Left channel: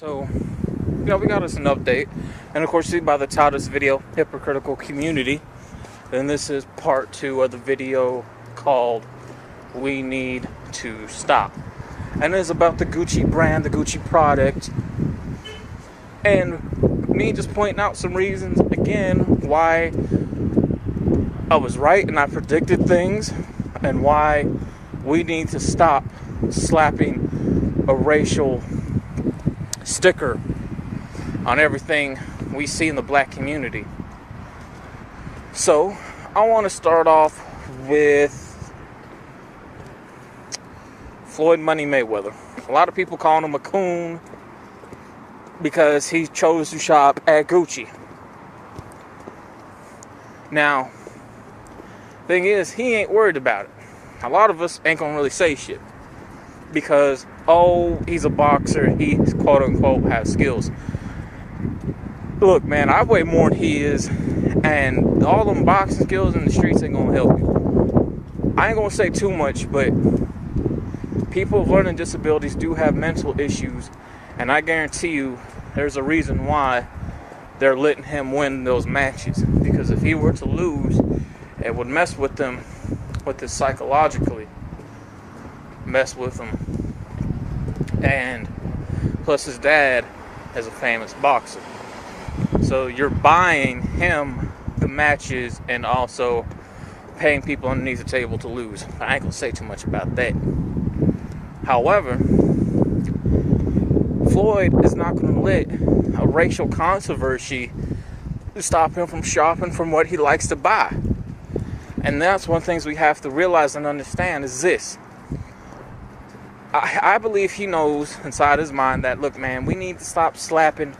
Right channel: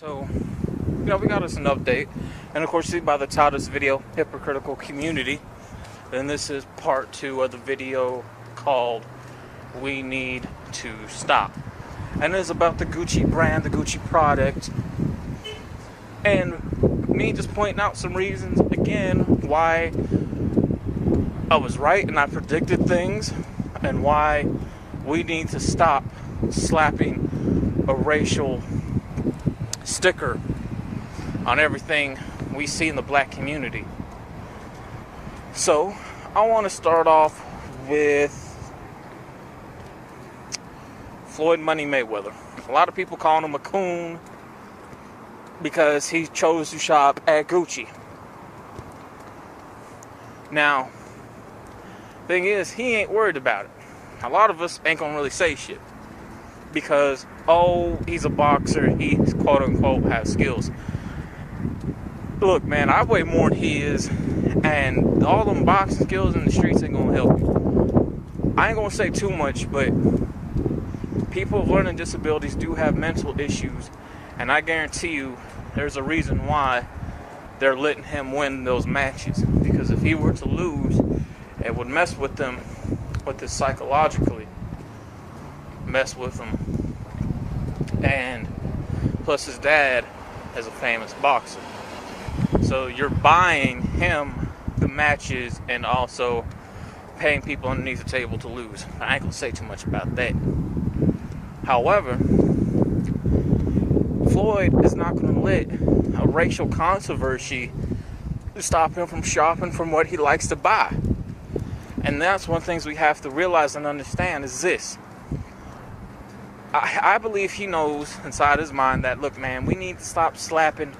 So, we got us an update. And of course, by the title of this video, Hypocritical Community. And this is part 2 of the video called We Need to Stop. And it is about the Gucci brand, the Gucci product. And me just pointing out some reasons, again, why I was right and I predicted things. And why we need to stop slapping a racial sticker on everything we see in the black community. So, I want to start off with Floyd Money Mayweather. A lot of people call him a coon because he chose to shop at Gucci. Now, thing is, he ain't worried about it. A lot of us ain't gonna really say shit because, oh, he's a boxer, he's quote-unquote has skills. Look, man, I weigh more than he is, and all them boxing skills in the streets ain't gonna help you. I ain't gonna say too much, but people with learning disabilities do have mental issues, and I guarantee you there's a reason why they're letting him win those matches. Because if he were to lose, it would mess with them, with this psychologically. Mess with him. And plus his dad is a famous boxer. So you're buying him the matches and also paying people underneath the table to lose. I ain't gonna say too much about that. However, Floyd is not gonna let a racial controversy stop him from shopping from what he likes to buy. And that's one of the things we have to realize and understand is this. I believe he knows inside his mind that, look, man, we need to stop slapping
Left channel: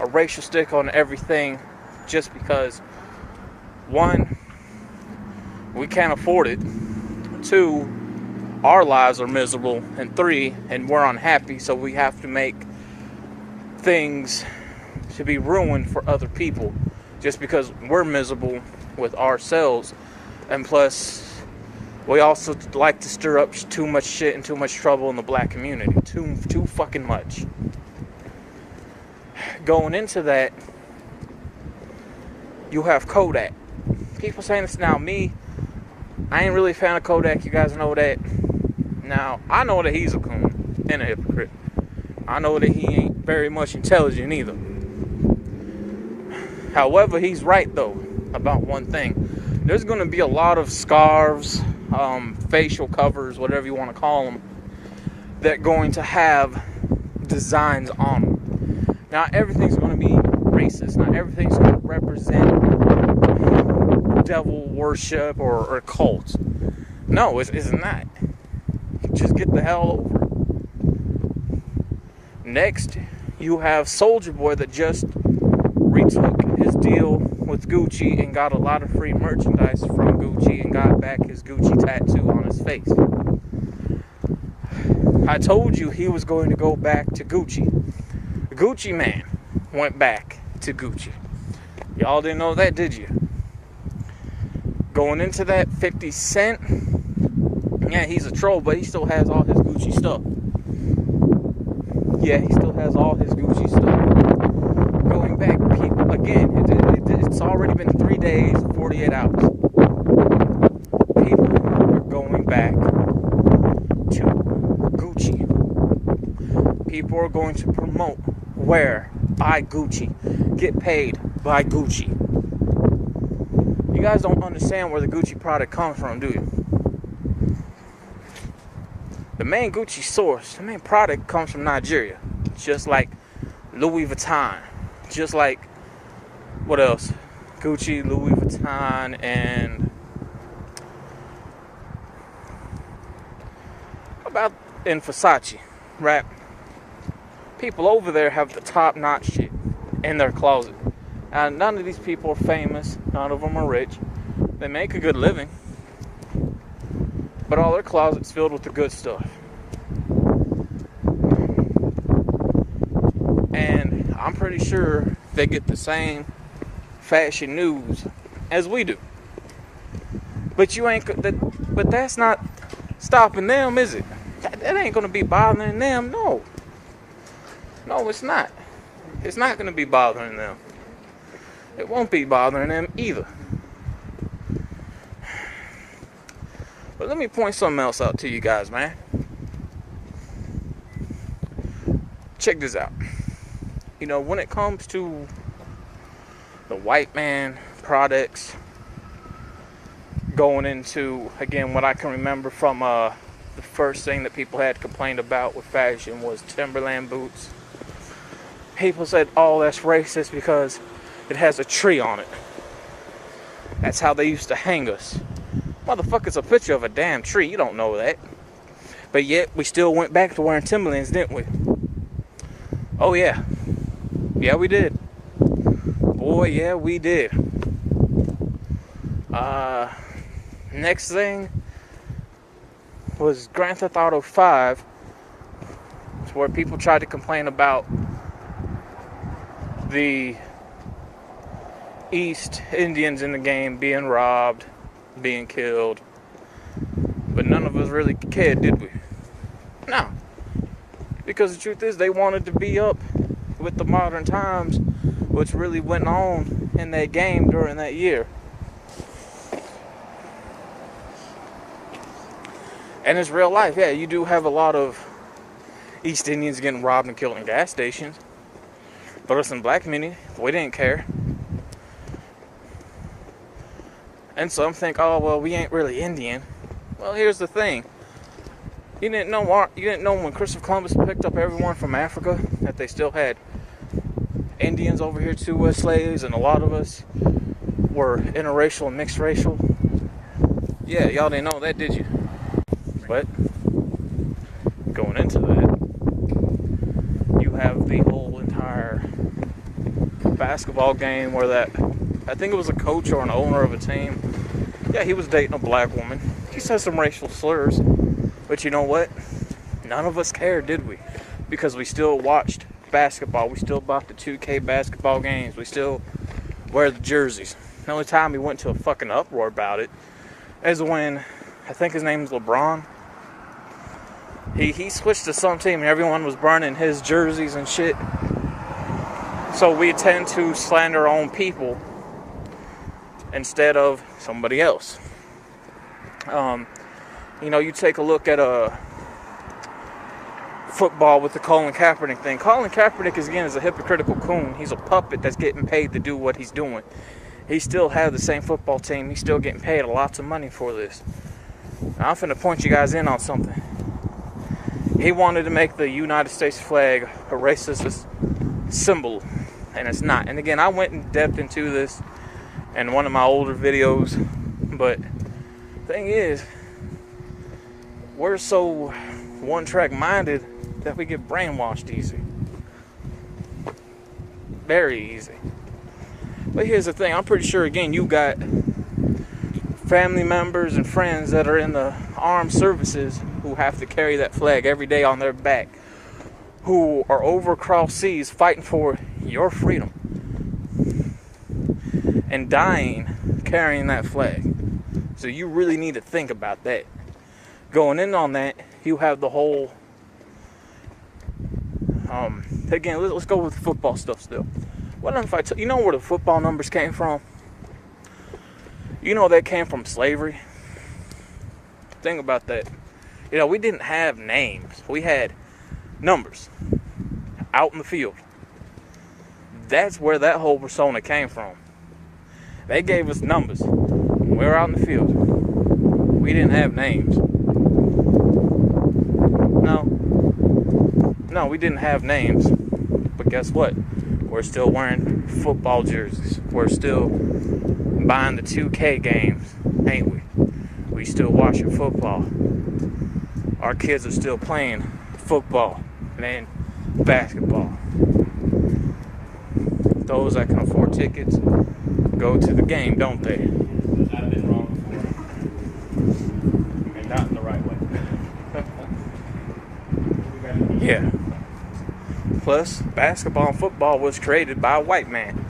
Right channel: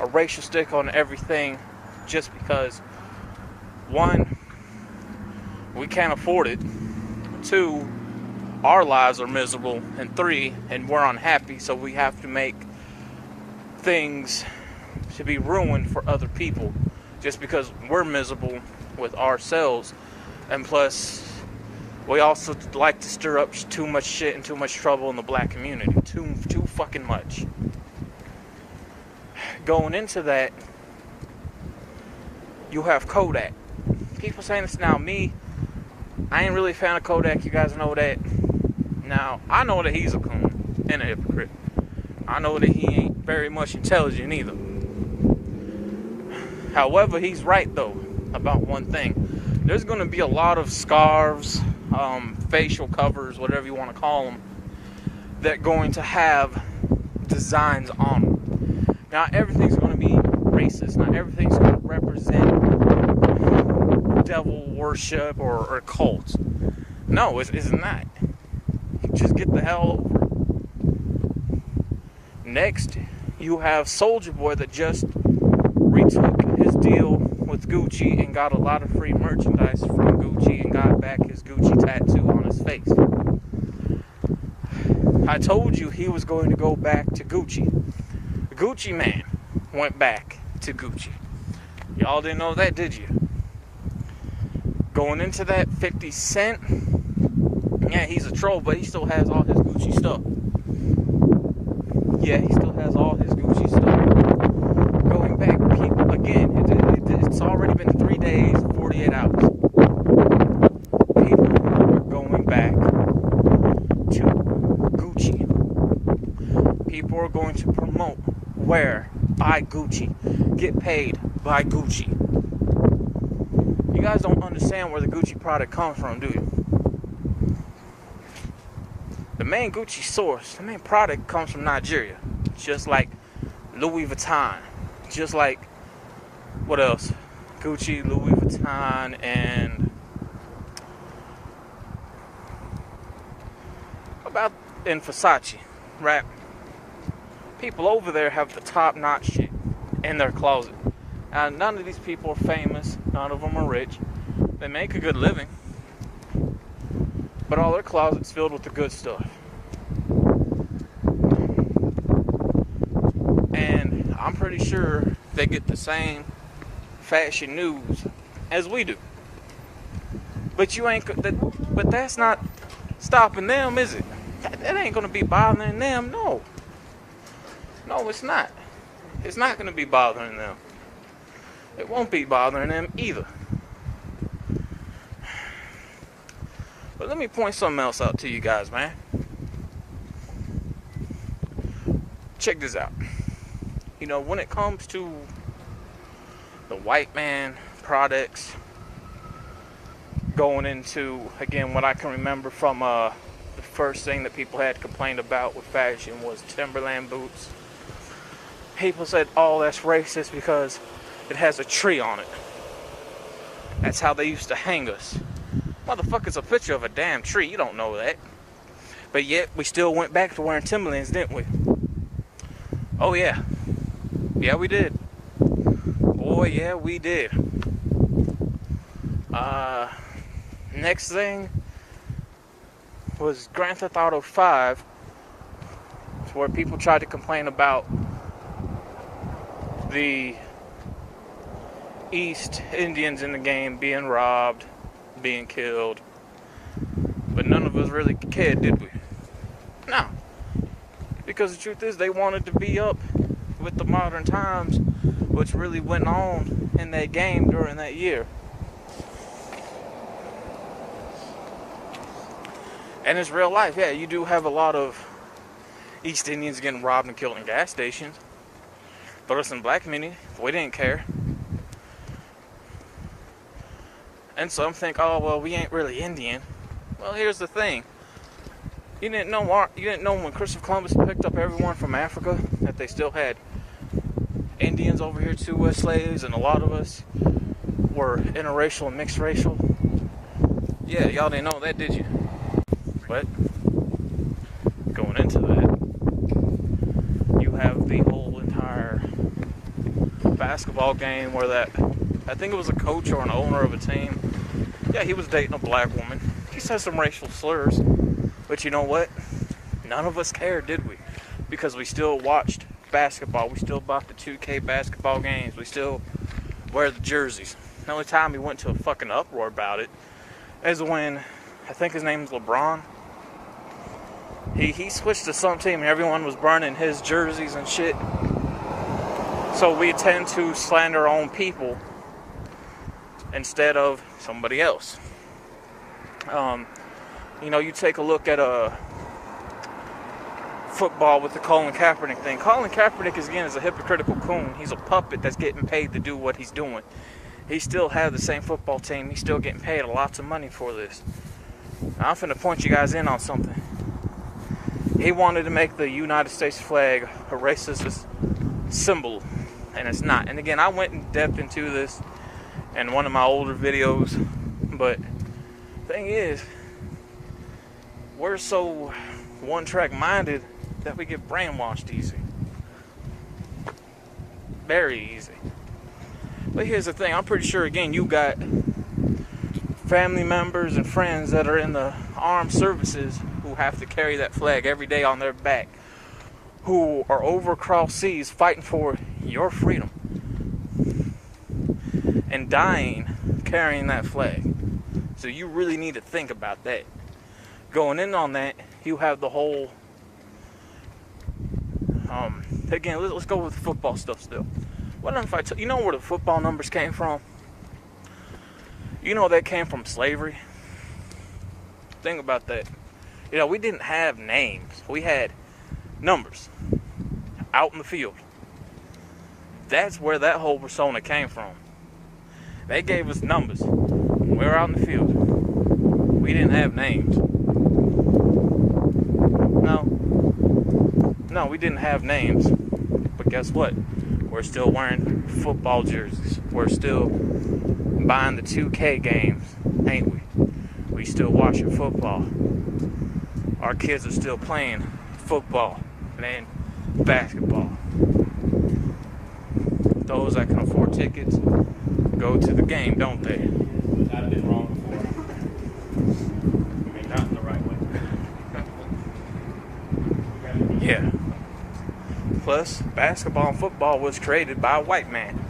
a racial stick on everything just because, one, we can't afford it, two, our lives are miserable, and three, and we're unhappy, so we have to make things to be ruined for other people just because we're miserable with ourselves. And plus, we also like to stir up too much shit and too much trouble in the black community. Too fucking much. Going into that, you have Kodak. People saying this now. Me, I ain't really a fan of Kodak. You guys know that. Now, I know that he's a coon and a hypocrite. I know that he ain't very much intelligent either. However, he's right, though, about one thing. There's going to be a lot of scarves, facial covers, whatever you want to call them, that are going to have designs on them. Not everything's going to be racist. Not everything's going to represent devil worship or cult. No, it's not. Just get the hell over it. Next, you have Soulja Boy that just retook his deal with Gucci and got a lot of free merchandise from Gucci and got back his Gucci tattoo on his face. I told you he was going to go back to Gucci. The Gucci man went back to Gucci. Y'all didn't know that, did you? Going into that, 50 Cent, yeah, he's a troll, but he still has all his Gucci stuff. Yeah, he still has all his Gucci stuff. Going back, people, again, it's already been 3 days, 48 hours. People are going back to Gucci. People are going to promote, wear, buy Gucci, get paid by Gucci. You guys don't understand where the Gucci product comes from, do you? The main Gucci source, the main product comes from Nigeria. Just like Louis Vuitton. Just like, what else? Gucci, Louis Vuitton, and about in Versace, right? People over there have the top-notch shit in their closet. And none of these people are famous. None of them are rich. They make a good living. But all their closets filled with the good stuff. And I'm pretty sure they get the same fashion news as we do. But but that's not stopping them, is it? That ain't gonna be bothering them, no. No, it's not. It's not going to be bothering them. It won't be bothering them either. But let me point something else out to you guys, man. Check this out. You know, when it comes to the white man products going into, again, what I can remember from the first thing that people had complained about with fashion was Timberland boots. People said, oh, that's racist because it has a tree on it. That's how they used to hang us. Motherfucker's a picture of a damn tree. You don't know that. But yet, we still went back to wearing Timberlands, didn't we? Oh, yeah. Yeah, we did. Boy, yeah, we did. Next thing was Grand Theft Auto 5. It's where people tried to complain about the East Indians in the game being robbed, being killed. But none of us really cared, did we? No. Because the truth is, they wanted to be up with the modern times, which really went on in that game during that year. And it's real life. Yeah, you do have a lot of East Indians getting robbed and killed in gas stations. But us in the black community, we didn't care. And some think, oh, well, we ain't really Indian. Well, here's the thing. You didn't know when Christopher Columbus picked up everyone from Africa that they still had Indians over here too as slaves, and a lot of us were interracial and mixed racial. Yeah, y'all didn't know that, did you? But going into that, you have the whole entire basketball game where that, I think it was a coach or an owner of a team. Yeah, he was dating a black woman. He said some racial slurs. But you know what? None of us cared, did we? Because we still watched basketball. We still bought the 2K basketball games. We still wear the jerseys. The only time we went to a fucking uproar about it is when, I think his name is LeBron. He switched to some team and everyone was burning his jerseys and shit. So we tend to slander our own people instead of somebody else. You know, you take a look at football with the Colin Kaepernick thing. Colin Kaepernick is a hypocritical coon. He's a puppet that's getting paid to do what he's doing. He still has the same football team. He's still getting paid lots of money for this. Now, I'm finna point you guys in on something. He wanted to make the United States flag a racist symbol, and it's not. And again, I went in depth into this in one of my older videos, but the thing is, we're so one-track minded that we get brainwashed easy. Very easy. But here's the thing, I'm pretty sure, again, you got family members and friends that are in the armed services who have to carry that flag every day on their back, who are over across seas fighting for your freedom and dying carrying that flag. So you really need to think about that. Going in on that, you have the whole, again, let's go with football stuff still. What if you know where the football numbers came from? You know that came from slavery. Think about that. You know, we didn't have names. We had numbers out in the field. That's where that whole persona came from. They gave us numbers. We were out in the field. We didn't have names. No, we didn't have names. But guess what? We're still wearing football jerseys. We're still buying the 2K games, ain't we? We still watching football. Our kids are still playing football and basketball. Those that can afford tickets go to the game, don't they? I've been wrong before. And not in the right way. Yeah. Plus, basketball and football was created by a white man.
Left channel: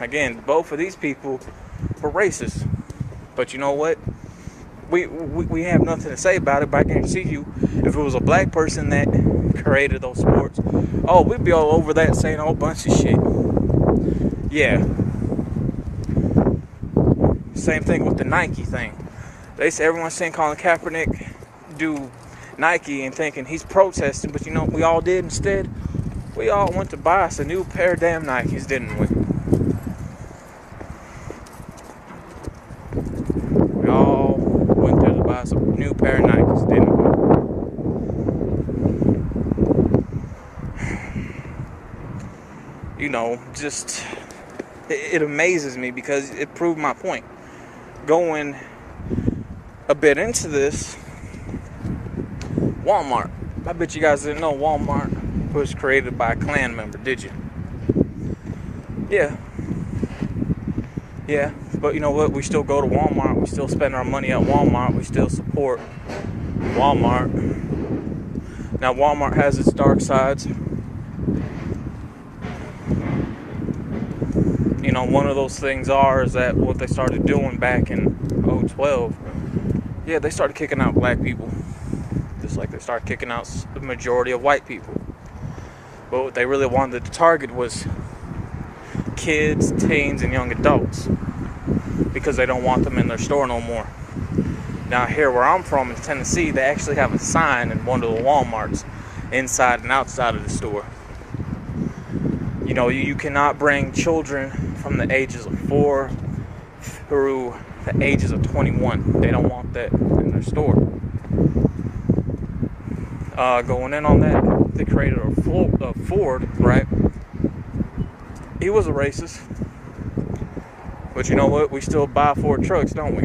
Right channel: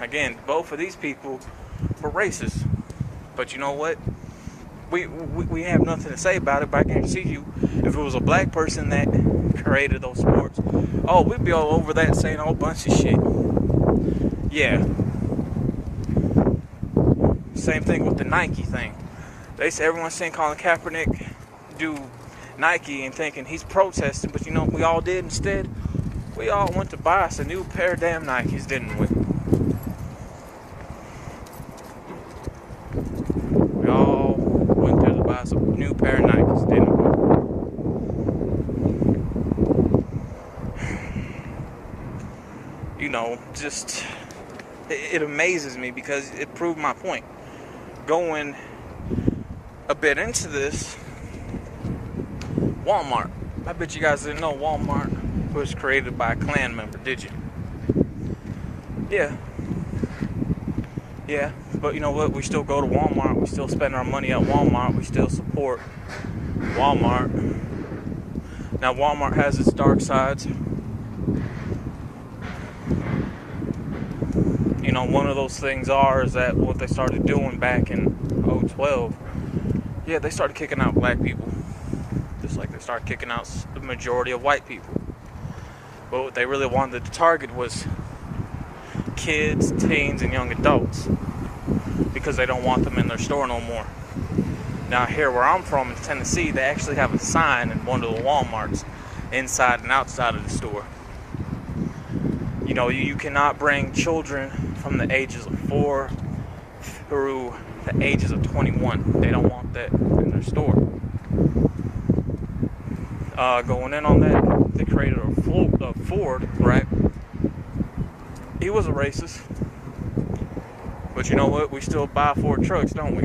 Again, both of these people were racist. But you know what? We have nothing to say about it, but I guarantee you, if it was a black person that created those sports, oh, we'd be all over that saying a whole bunch of shit. Yeah. Same thing with the Nike thing. They say everyone's saying Colin Kaepernick do Nike and thinking he's protesting, but you know what we all did instead? We all went to buy us a new pair of damn Nikes, didn't we? We all went there to buy us a new pair of Nikes, didn't we? You know, just, it amazes me because it proved my point. Going a bit into this, Walmart. I bet you guys didn't know Walmart was created by a Klan member, did you? Yeah. Yeah, but you know what? We still go to Walmart. We still spend our money at Walmart. We still support Walmart. Now, Walmart has its dark sides. You know, one of those things is that what they started doing back in 2012, yeah, they started kicking out black people. Just like they started kicking out the majority of white people. But what they really wanted to target was kids, teens, and young adults. Because they don't want them in their store no more. Now, here where I'm from in Tennessee, they actually have a sign in one of the Walmarts, inside and outside of the store. You know, you cannot bring children from the ages of 4 through the ages of 21. They don't want that in their store. Going in on that, they created a Ford, right? He was a racist. But you know what? We still buy Ford trucks, don't we?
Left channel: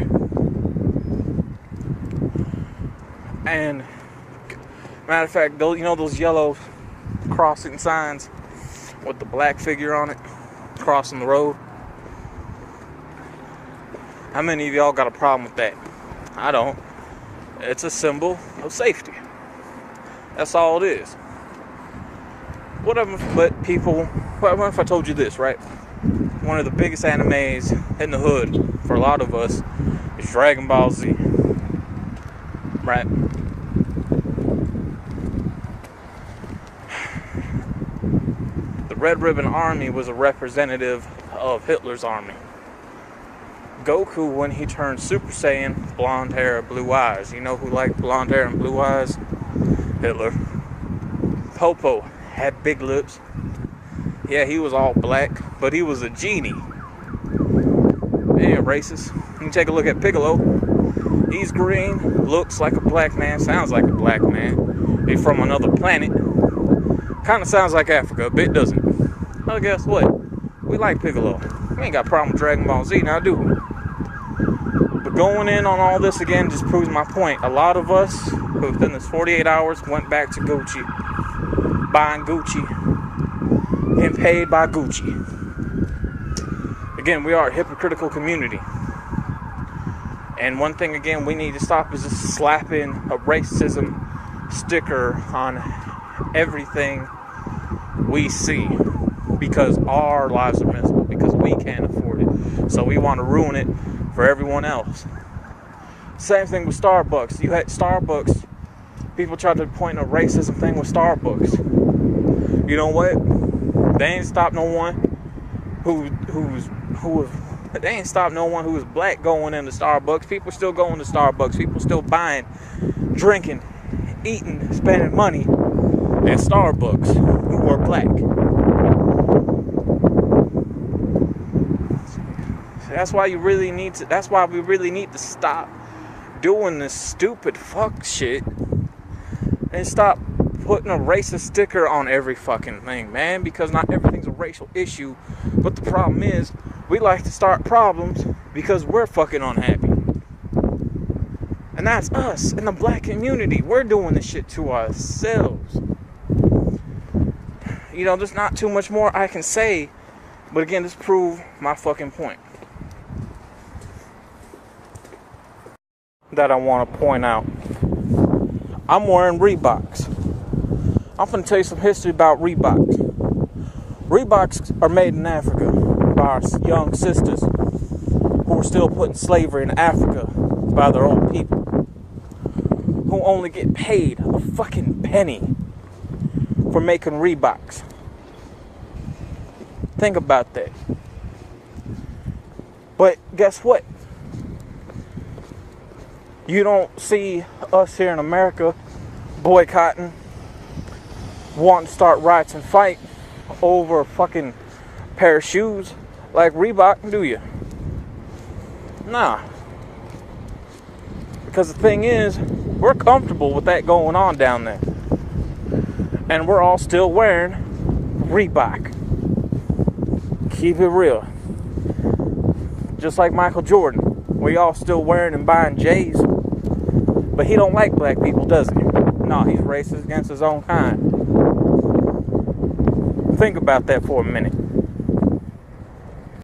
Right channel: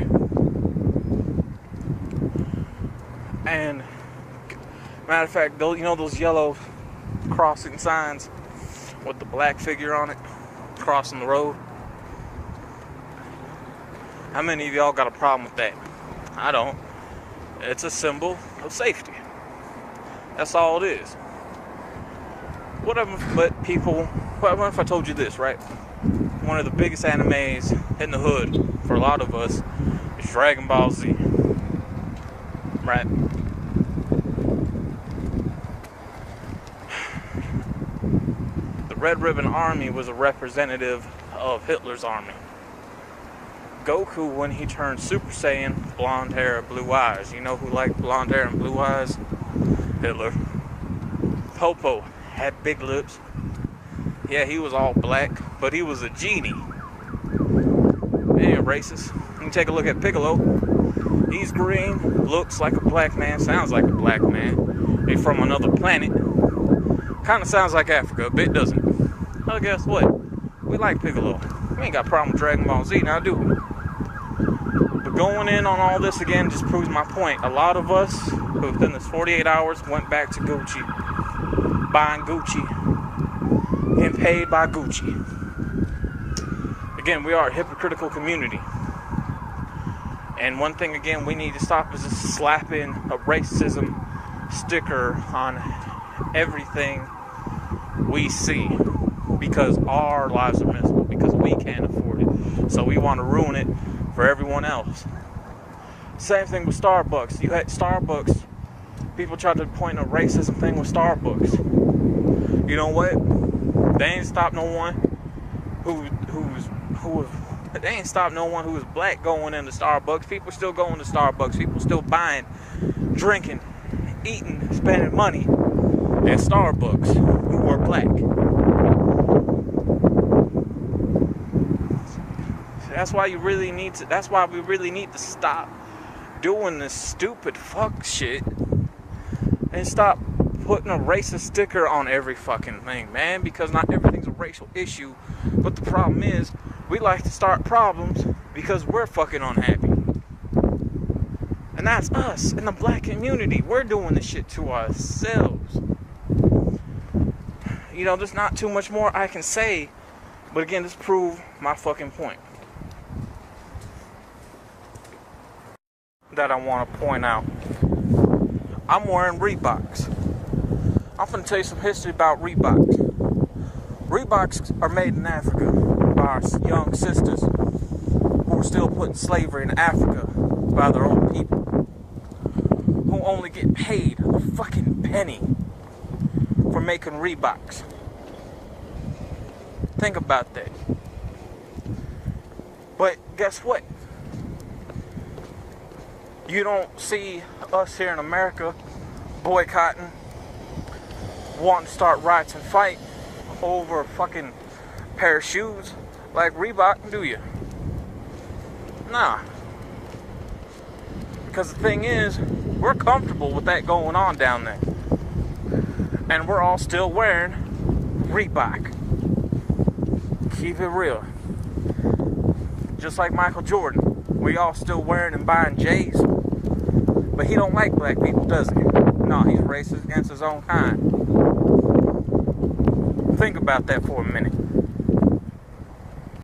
And, matter of fact, you know those yellow crossing signs with the black figure on it, crossing the road? How many of y'all got a problem with that? I don't. It's a symbol of safety. That's all it is. Whatever, but people, what if I told you this, right? One of the biggest animes in the hood for a lot of us is Dragon Ball Z. Right? The Red Ribbon Army was a representative of Hitler's army. Goku, when he turned Super Saiyan, blonde hair, blue eyes. You know who liked blonde hair and blue eyes? Hitler. Popo had big lips. Yeah, he was all black, but he was a genie. He ain't racist. You can take a look at Piccolo. He's green, looks like a black man, sounds like a black man. He's from another planet. Kind of sounds like Africa, a bit, doesn't it? Well, guess what? We like Piccolo. We ain't got a problem with Dragon Ball Z, now do we? But going in on all this again just proves my point. A lot of us, within this 48 hours, went back to Gucci. Buying Gucci. Getting paid by Gucci. Again, we are a hypocritical community. And one thing, again, we need to stop is just slapping a racism sticker on everything we see. Because our lives are miserable. Because we can't afford it. So we want to ruin it for everyone else. Same thing with Starbucks. You had Starbucks. People tried to point a racism thing with Starbucks. You know what? They ain't stopped no one they ain't stopped no one who was black going into Starbucks. People still going to Starbucks. People still buying, drinking, eating, spending money at Starbucks who are black. That's why we really need to stop doing this stupid fuck shit and stop putting a racist sticker on every fucking thing, man, because not everything's a racial issue. But the problem is, we like to start problems because we're fucking unhappy. And that's us in the black community. We're doing this shit to ourselves. You know, there's not too much more I can say, but again, this proves my fucking point. That I want to point out. I'm wearing Reeboks. I'm going to tell you some history about Reeboks. Reeboks are made in Africa by our young sisters who are still put in slavery in Africa by their own people, who only get paid a fucking penny for making Reeboks. Think about that. But guess what? You don't see us here in America boycotting, wanting to start riots and fight over a fucking pair of shoes like Reebok, do you? Nah. Because the thing is, we're comfortable with that going on down there. And we're all still wearing Reebok. Keep it real. Just like Michael Jordan. We all still wearing and buying J's. But he don't like black people, does he? No, he's racist against his own kind. Think about that for a minute.